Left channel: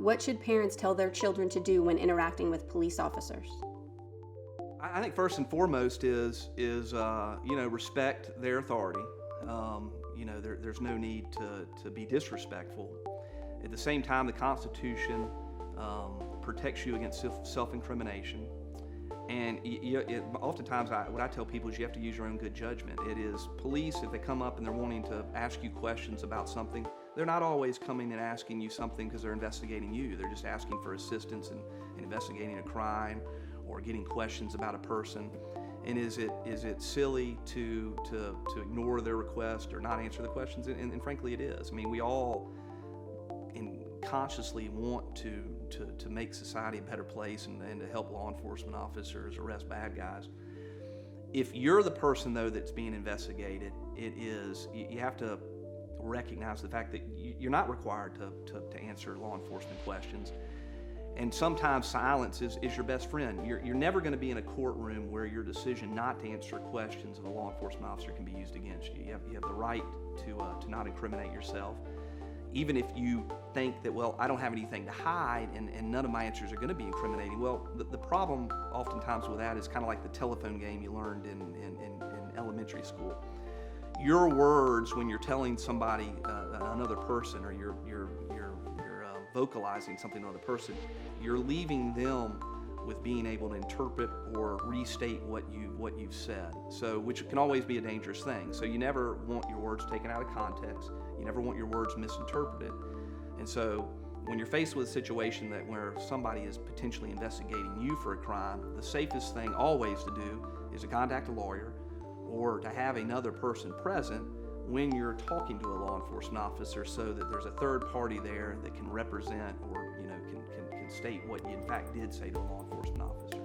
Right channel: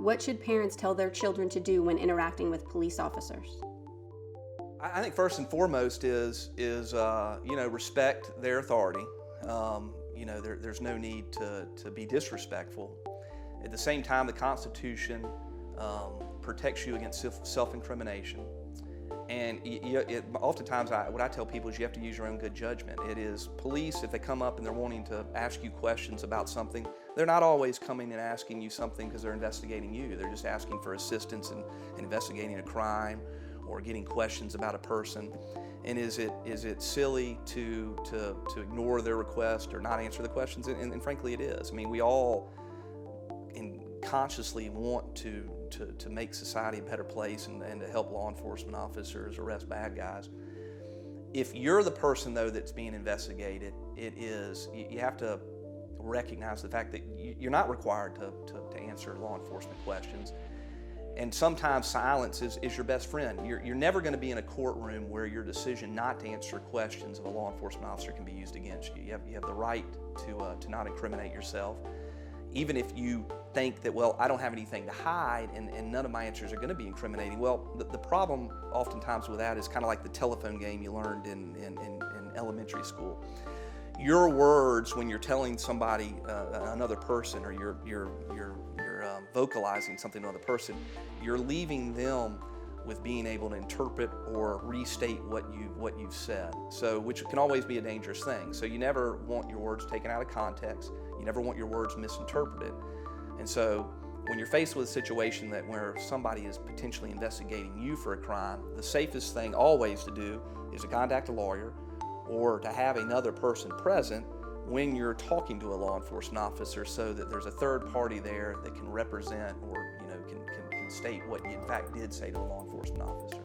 What should parents tell their children to do when interacting with police officers? I think first and foremost is respect their authority. There's no need to be disrespectful. At the same time, the Constitution protects you against self-incrimination. And oftentimes, what I tell people is you have to use your own good judgment. It is police, if they come up and they're wanting to ask you questions about something, they're not always coming and asking you something because they're investigating you. They're just asking for assistance in investigating a crime or getting questions about a person. And is it silly to ignore their request or not answer the questions? And frankly, it is. I mean, we all consciously want to make society a better place and to help law enforcement officers arrest bad guys. If you're the person, though, that's being investigated, you have to recognize the fact that you're not required to answer law enforcement questions. And sometimes silence is your best friend. You're never going to be in a courtroom where your decision not to answer questions of a law enforcement officer can be used against you. You have the right to not incriminate yourself. Even if you think that, well, I don't have anything to hide and none of my answers are going to be incriminating. Well, the problem oftentimes with that is kind of like the telephone game you learned in elementary school. Your words when you're telling somebody, another person, or you're vocalizing something to another person, you're leaving them with being able to interpret or restate what you've said. So, which can always be a dangerous thing. So you never want your words taken out of context. You never want your words misinterpreted. And so when you're faced with a situation where somebody is potentially investigating you for a crime, the safest thing always to do is to contact a lawyer or to have another person present when you're talking to a law enforcement officer, so that there's a third party there that can represent or can state what you in fact did say to a law enforcement officer.